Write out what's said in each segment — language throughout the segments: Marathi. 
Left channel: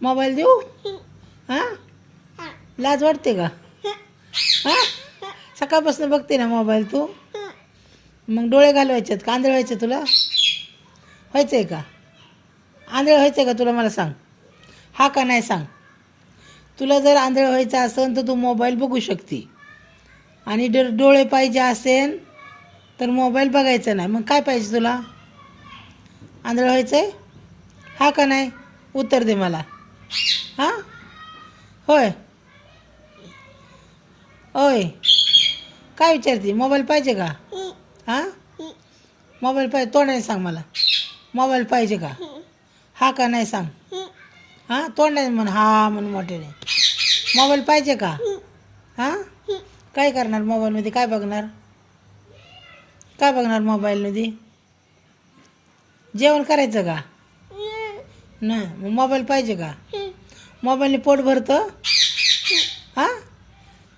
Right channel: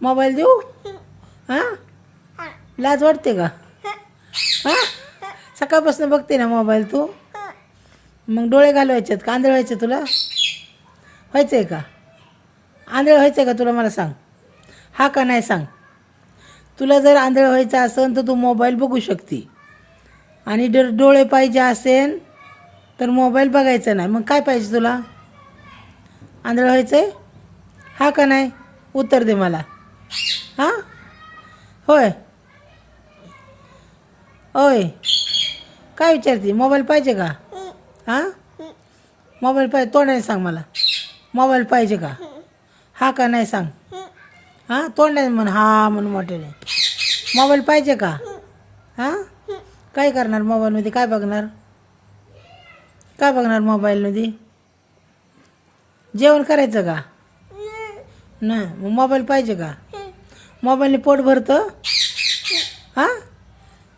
मोबाईल देऊ? हां, लाज वाटते का? हां, सकाळपासून बघते ना मोबाईल तू. मग डोळे घालवायचे का आंधळ व्हायचे तुला? व्हायचं आहे का? आंधळ व्हायचं आहे का तुला? मला सांग, हा का नाही सांग. तुला जर आंधळ व्हायचं असेल तर तू मोबाईल बघू शकते, आणि डोळे पाहिजे असेल तर मोबाईल बघायचा नाही. मग काय पाहिजे तुला? आंधळ व्हायचं आहे, हा का नाही? उत्तर दे मला. हां, होय होय, काय विचारते? मोबाईल पाहिजे का? हां, मोबाईल पाहिजे, तोंडाने सांग मला. मोबाईल पाहिजे का? हा का नाही सांग. हां, तोंडाने म्हण, हा म्हणून मोठ्याने. मोबाईल पाहिजे का? हां, काय करणार मोबाईलमध्ये? काय बघणार? काय बघणार मोबाईलमध्ये? जेवण करायचं का? नाही, मग मोबाईल पाहिजे का? मोबाईलने पोट भरतं? हां,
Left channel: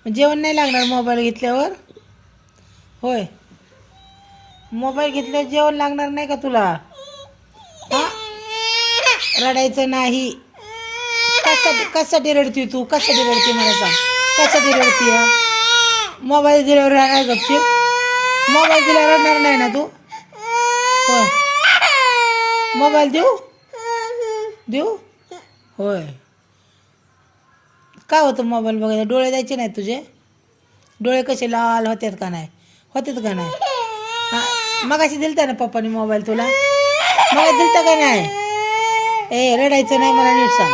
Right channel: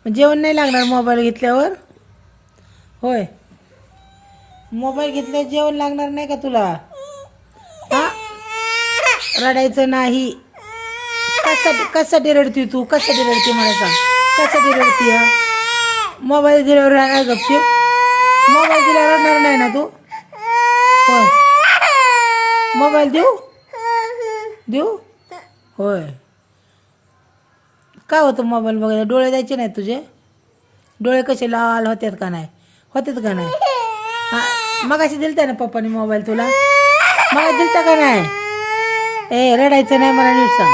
जेवण नाही लागणार मोबाईल घेतल्यावर? होय, मोबाईल घेतल्यावर जेवण लागणार नाही का तुला? हां, रडायचं नाही. कशासाठी रडती तू? कशासाठी रडती मला सांग. कशासाठी रडती? मोबाईल दिल्यावर राहणार गपचीप? मोबाईल दिल्यावर रडणार नाही ना तू? होय, मोबाईल देऊ? देऊ? होय, काय होतं मोबाईल बघायला? डोळे द्यायचे नाहीत तुझे? डोळे कसे लाल होतात का नाही? होतात का नाही? हां, मगाशी दिलता ना पप्पाने मोबाईल तुला? मला दिलता का नाही? ए, रडायचं नाही, मला नीट सांग.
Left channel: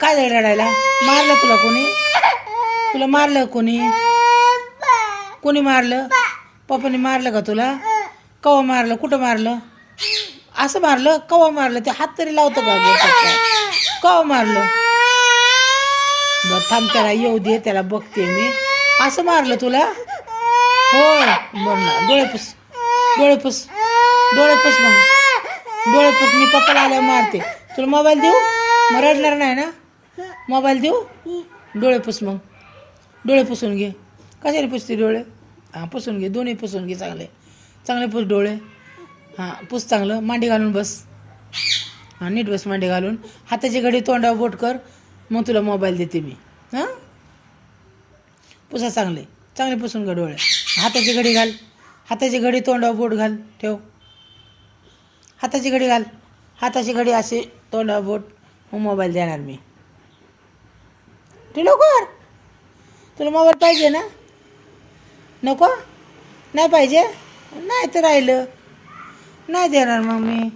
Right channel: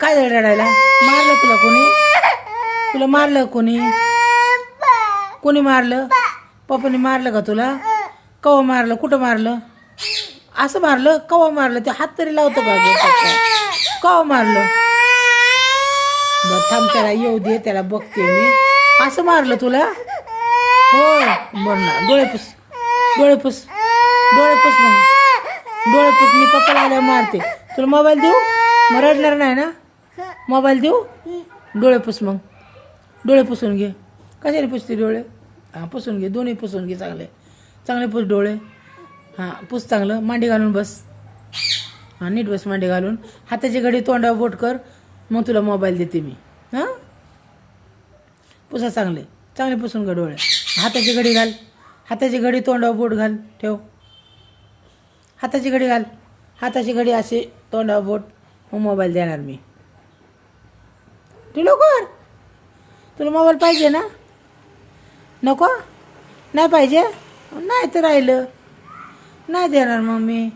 काय झालं रडायला? मारलं तुला कोणी? तुला मारलं कोणी? कोणी मारलं? पप्पाने मारलं का तुला? कवा मारलं? कुठं मारलं? असं मारलं? कवा मारलं? ते हात तरी लावतो का गं पप्पा? कवा मारलं? बरं थांब, त्याला येऊ दे, त्याला बघते मी. असं मारलं तुला? होय, बरं ना. डोळे पुस, डोळे पुस, डोळे पुस. मग डोळे पुस, मी पप्पाला आल्यावर मारते. तुला मोबाईल देऊ? मग रडणार नाही ना? मोबाईल देऊ? डोळे पुस, मग डोळे पुसून घे. कशाने पुसते डोळे? हां, पुसून घे, दोन्ही पुसून घे. चांगले चांगले पुस डोळे. हां, पुस चांगलं. मांडी घालून बस. हां, नीट बस मांडी घालून. हाताची घडी तोंडावर बोट कर, मग तुला मोबाईल देते मी. हां, पुसा चांगले चांगले पुसून घे डोळे. हाताची घडी घाल. हाताची घडी तोंडावर बोट घाल, ठेव. हाताची घडी घाल. हाताची घडी अशी तोंडावर बोट, मग मोबाईल देणार मी. तू लवकर. तुला मोबाईल पाहिजे ना? नको? नाही पाहिजे? नाही तर राहिलं, नाही देणार मग मी.